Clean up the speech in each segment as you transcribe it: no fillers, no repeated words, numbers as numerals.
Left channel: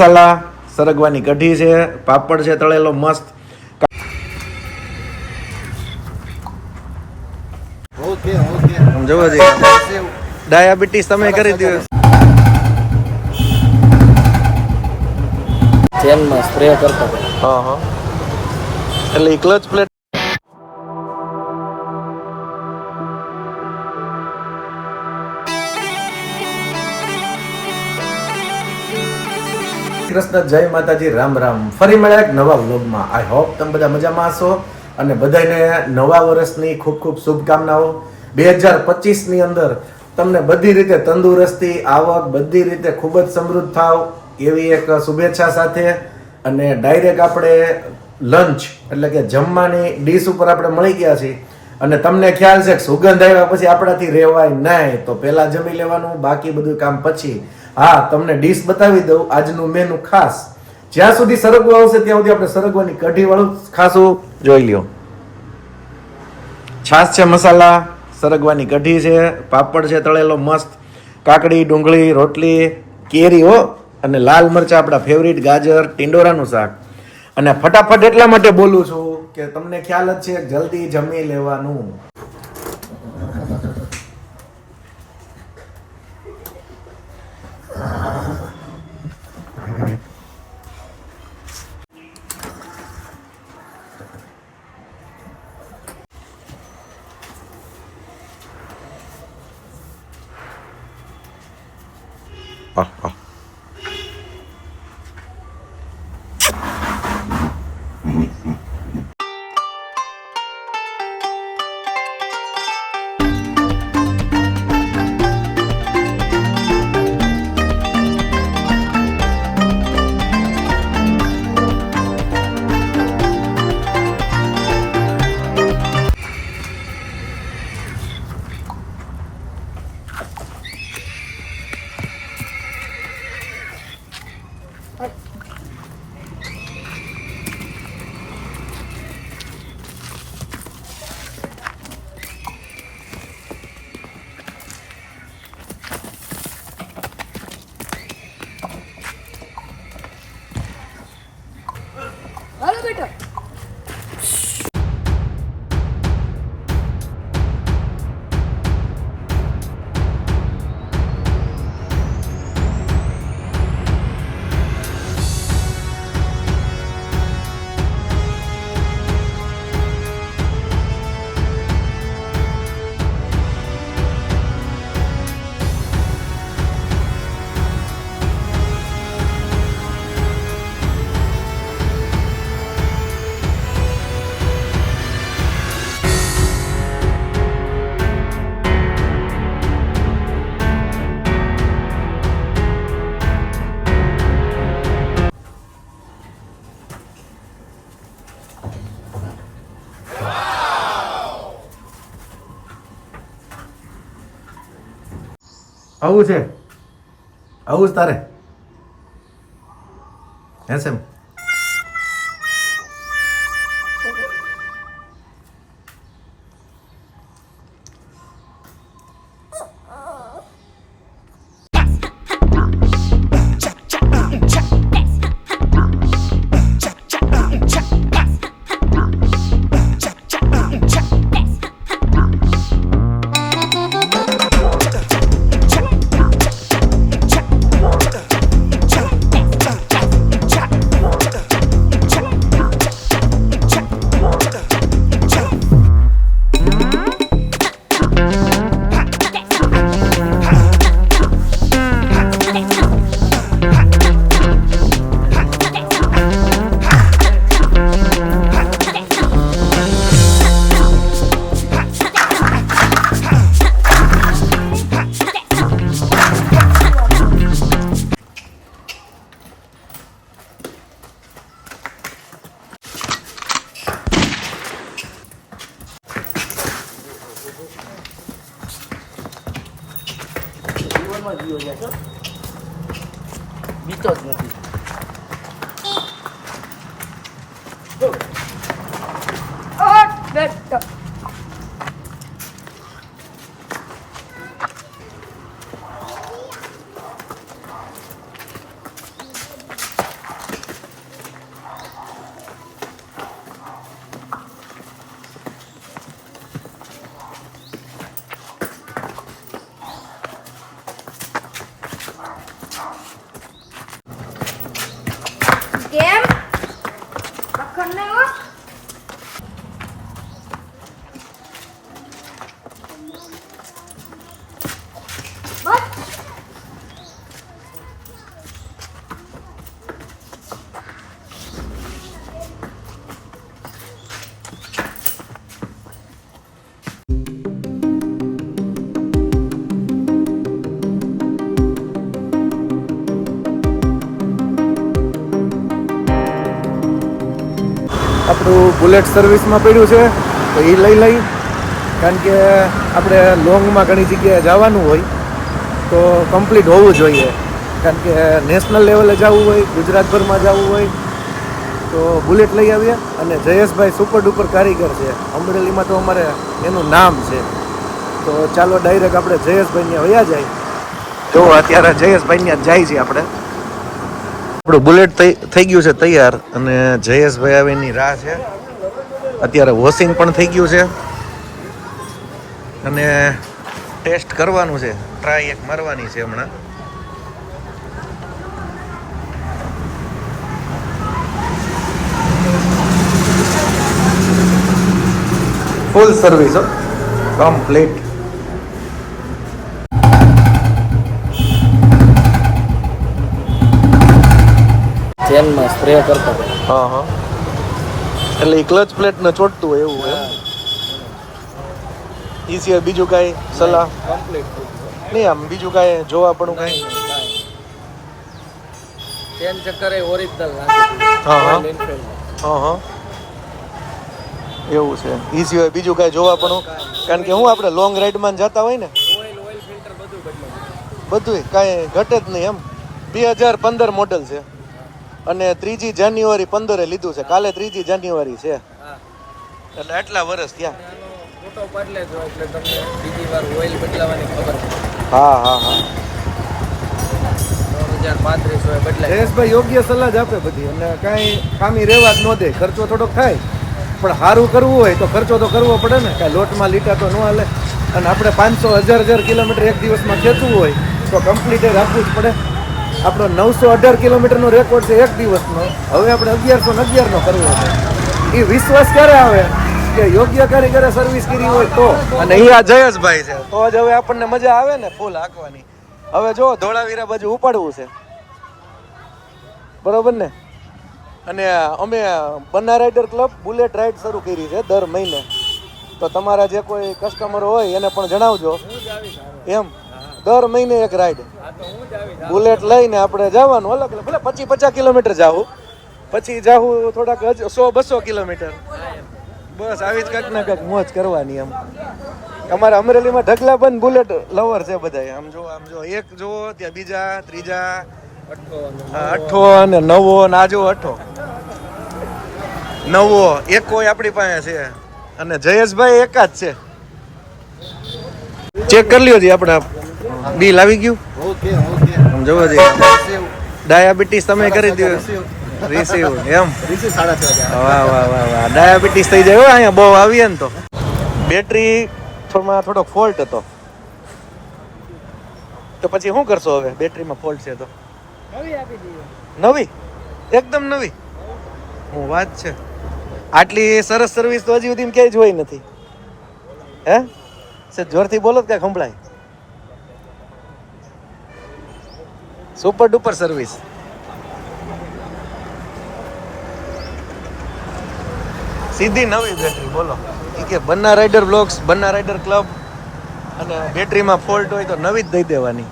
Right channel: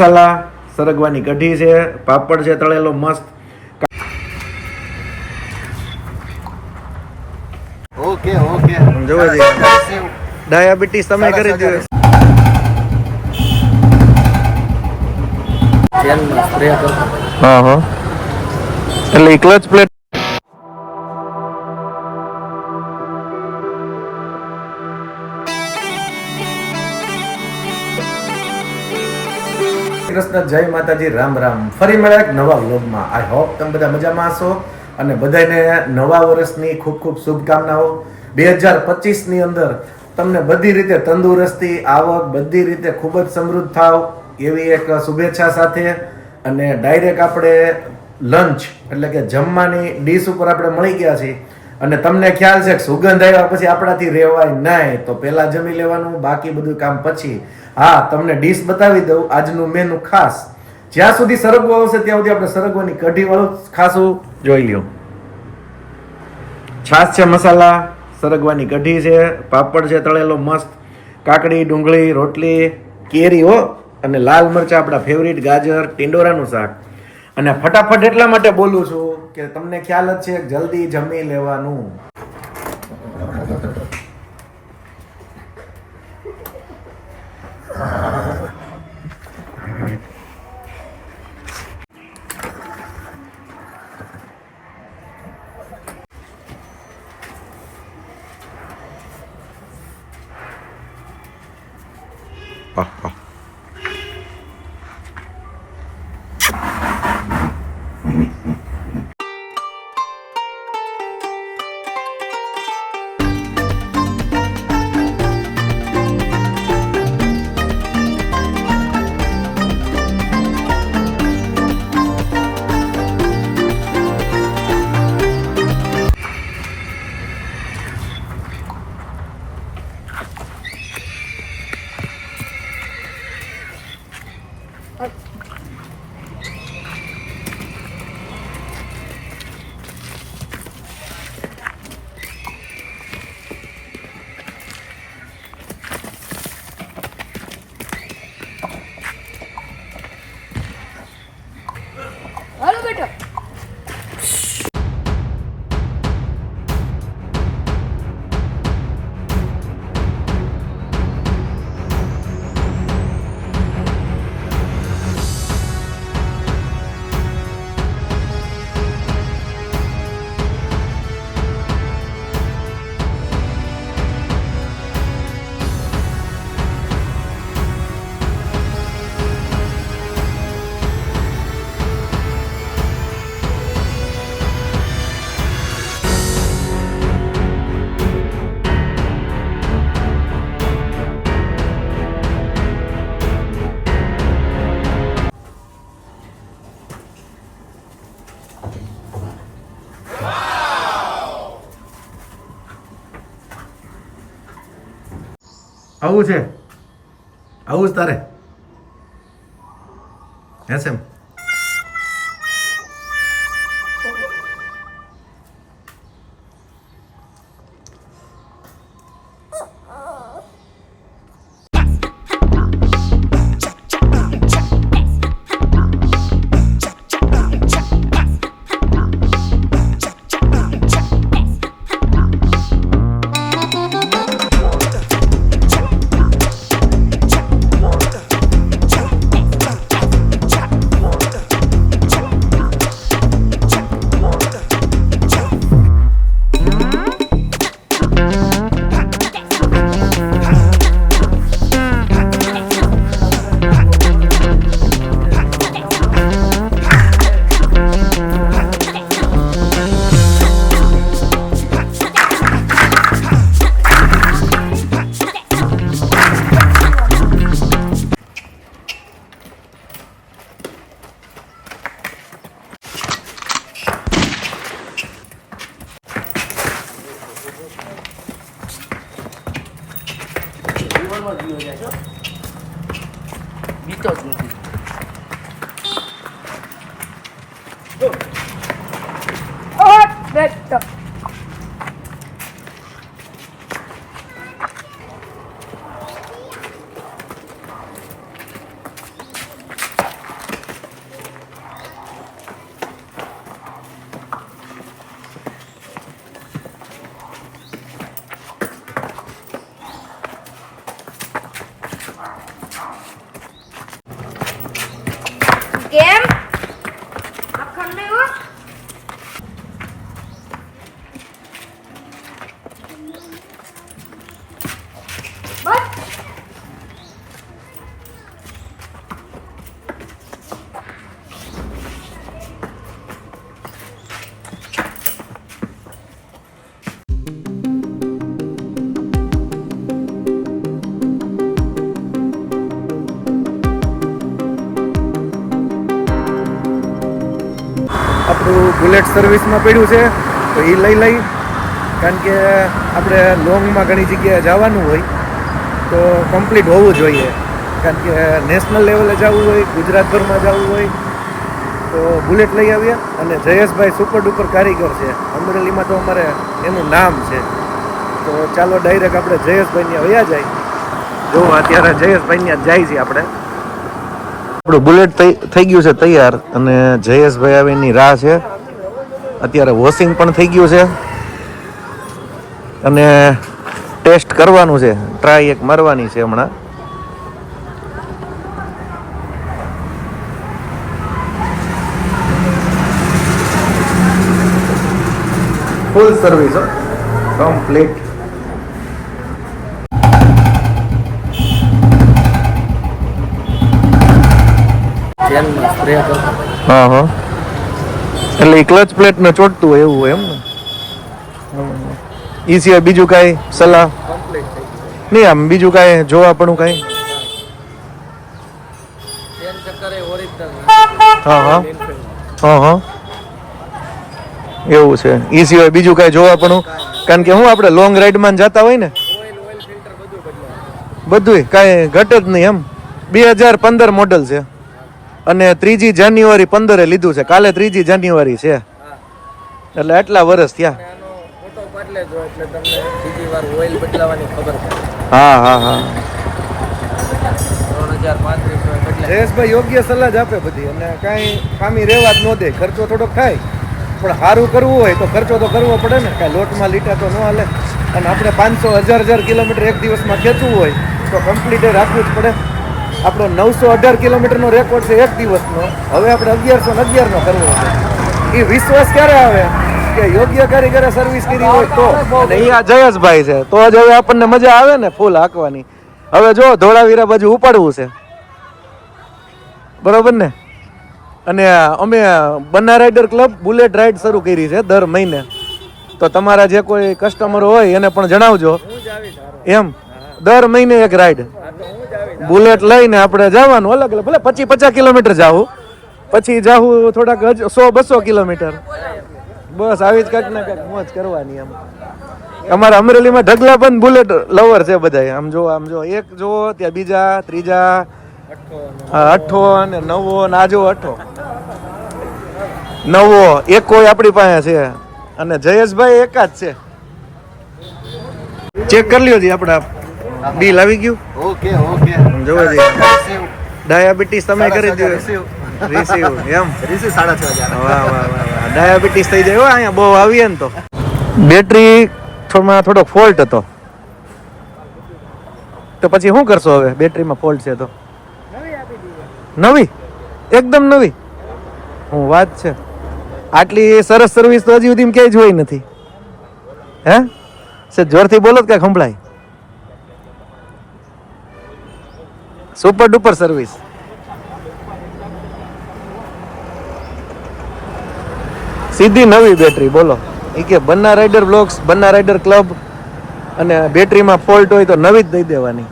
મસાલા, સરગવાની કઢી છે, પાપડ છે તળેલો મસ્ત. ઓકે ઓકે જોવો છે ડાયાબિટીસ તમે કરી દો. તેલમાં સ્પ્રે કરતા. હા હા એટલે ક્લચ પ્લેટ. કૃષ્ણ, જય માતાજી, રામ રામ. ફરી મળ્યા એક નવા વ્લોગમાં. આઈ હોપ તમે બધા મજામાં હશો અને બધાને નવા વર્ષની ખૂબ ખૂબ શુભકામનાઓ. 2025 ની અંદર તમને બધી રીતે તંદુરસ્તી, આવક, બધી રીતે ખૂબ જ સમૃદ્ધ થાવ એવી એક શુભેચ્છા સાથે અને ડાયરેક્ટ આપણે લંચ એટલે કે જમવાની ડીશ ઉપર આપણે મળી ગયા છીએ. અને તમને ખ્યાલ છે કે સુગંધ આવ્યા પછી આપણાથી રહેવાય નહીં, તો પહેલા જમી લેવાનું, બાકી બધું કામ પછી. હા, તમને ડીશ બતાવી દઉં આજનું મેનુ ખાસ. જ્યાં સુધી સરગવો આવશે ત્યાં સુધી આપણે સરગવાની કઢી વાળું ખાસું જોઈ લ્યો. છાશ છે, મસાલા, સરગવાની કઢી છે, પાપડ છે તળેલો મસ્ત, કાકડી, ડુંગળી, રોટલી, કેરી હો, અને લાલ મરચા આપણા ફેવરિટ, ગાજર, ટીંડોરાનું શાક. અને ફટાફટ એટલા માટે બોલું છું કે તમને ખ્યાલ જ છે જલ્દી જમી લેવાનું. આવું છે, આવું જ તારે હે છે. બીતો જ નથી. કેમ મક્ખણ નહીં હો બસ આપણું બુલેટ સર્વિસમાં પડ્યું છે તો એ લઈ લઈ, કારણ કે આપણે લોંગમાં ઘણી જગ્યાએ જવાનું હોય તો કમ્પ્લીટ હોવું જોઈએ, કારણ કે નેશનલ લેવલે જવું હોય, ગુજરાતભરમાં જવું હોય તો બુલેટ લઈ આવીએ. અને જયેશભાઈ સુપર ડુપર કારીગર છે, અમરેલીમાં તો અમારે એનું નામ છે. તો ચાલો ડાયરેક્ટ આપણે જયેશભાઈ ત્યાં વયા જાય. જો અત્યારે જયેશભાઈ ત્યાં જાય છે આપણે. આપણું બુલેટ થઈ ગયું છે તૈયાર અને જયેશભાઈ આવે એની રાહ છે. અત્યારે વોશિંગ પણ થઈ ગયું છે અને ટેસ્ટ કરવાનું છે, ટ્રાય એક મારવાની છે હમણાં. ફૂલ સર્વિસ હો, કમ્પ્લીટ. તેલમાં સ્પ્રે કરતા. હા હા, એટલે ક્લચ પ્લેટ ને ચોટતું હોય એવું હોય એમ ને? ઈ સિવાય બીજું કાંઈ સલાહ કમ્પ્લીટ થઈ ગયું. નહીં? આમ બીજું કાંઈ જોવા પણ કાંઈ? તેલ ચક્કર એ ઓરિજિનલ હા હા નાખી. હા હા, એવું છે. ઈ સિવાય બીજું કાંઈ જોવા પણ? કારણ કે હું આપણે લોંગ રાઈડમાં જતા હોય ને, ઓઇલ ફિલ્ટર બધું બદલાય. બધુંય કાંઈ ઘટે જ નહીં એમ. 2015 મોડલ છે અને 3 જાન્યુઆરી 15 લીધું છે. કાલે 3 જાન્યુઆરી છે, હા. એટલે આટલા વર્ષ થયા. અને આનો ફોટો બદલે જો એટલે તમને બીજી વાર ઓઇલ બદલાવાની ખબર પડે. હા હા હા, 3035 હોય બદલાય. જયેશભાઈ યોગ્ય સલાહ જ આપે બધી, અને કાંઈ ખામી રહેવા જ ન દે. ખર્ચો થોડોક થાય પણ સારું કરવું હોય તો ખર્ચો તો કરવો પડે ને. કાંઈ લોટમાં લીટા તો ન હાલે. અને આપણે 500 કિલોમીટર એક દિવસમાં ખેંચવું હોય તો કમ્પ્લીટ રાખવું જ પડે. આપણો 918 કિલોમીટરનો રેકોર્ડ છે એક દિવસનો. હવે આપણે 1111નો કરવો છે. એ વિશ્વાસ ક્યારે આવે કે યોગ્ય કારીગરે સર્વિસ કરી હોય તો. અને એ આ જયેશભાઈ છે તો જ હવે આપણને મજા આવે ને ફૂલ હાંકવાની. હવે જો ધોળાવીરા બાજુ ઉપાડવું છે, બરોબર ને? અને અમે Banna rider club bullet ride શરૂ કરી છે દર મહિને. તો તમારા જે કોઈ કસ્ટમર હોય એને પણ જણાવજો હું જ આવીશ હારો. એમ. દર મહિને એક રાઈડ હા તો હું જ આવીશ. બુલેટ લઈને આપણે જવાનું. અલગ અલગ ભલે 25-50 કિલોમીટર જાવું, પછી જાવું થોડાક 100-200 કિલોમીટર. બસ આવી જ કાંઈક ને કાંઈક મોજ કરવાની એમ. અમારા અમરેલીમાં ઢગલા પણ બુલેટ લવર છે બધા. આમ જો એક જો ત્યાં બીજા ત્રીજા, અઠ્ઠો અને નવો ને આ જો અઠ્ઠો નવો એક કોઈ આપણી પાસે છે. અને જયેશભાઈ એકાદ છે. ચેક કરી લ્યો જી, આપણા બિલ આવી ગયું. Okay okay. આમ જોવો જી, ડાયાબિટીસ તમે કરી દો રિસીવ એમ. રીસી 6.5 વાહ વાહ વાહ વાહ, ડાયાબિટીસ થઈ જાય હો અહીંયા બહુ આવીએ ને તો. બેટરી થોડો ફોલ્ટ હતો તો પછી શું કરશો હવે? બેટરીમાં ફોલ્ટ છે તો નવી, એકદમ નવી. હું વાત છે, આટલી સરસ સર્વિસ તો હજી સુધી ક્યાંય જોઈ નથી. હે સર જોરથી બોલો કે સંભળાય. Super duper service. સીધી નવી બેટરી. બોલો એ કે Banna rider blogs, Banna rider club, અને બેટરીમાં ફોલ્ટ હોય તો નવી જ દઈ દેવાની.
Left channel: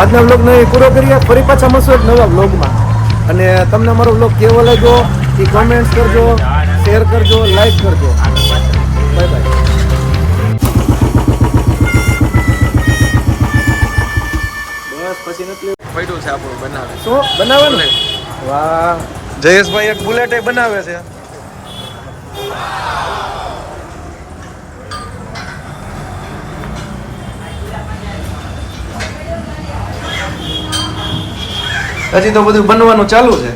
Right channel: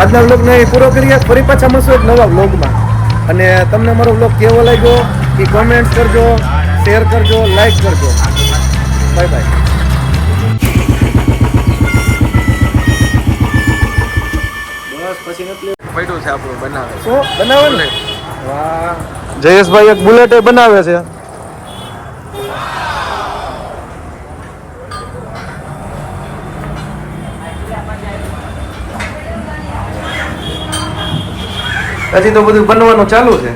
આજના વ્લોગને પૂરો કરીએ. ફરી પાછા મળશું એક નવા વ્લોગમાં. અને તમને અમારો વ્લોગ કેવો લાગ્યો એ કોમેન્ટ કરજો, શેર કરજો, લાઈક કરજો. Bye bye. બસ પછી નથી પડ્યું છે આપણું બનાવે. શું બનાવે ને? વાહ, જયેશભાઈ એક બુલેટ બનાવે છે. હજી તો બધું બનવાનું ચાલુ છે.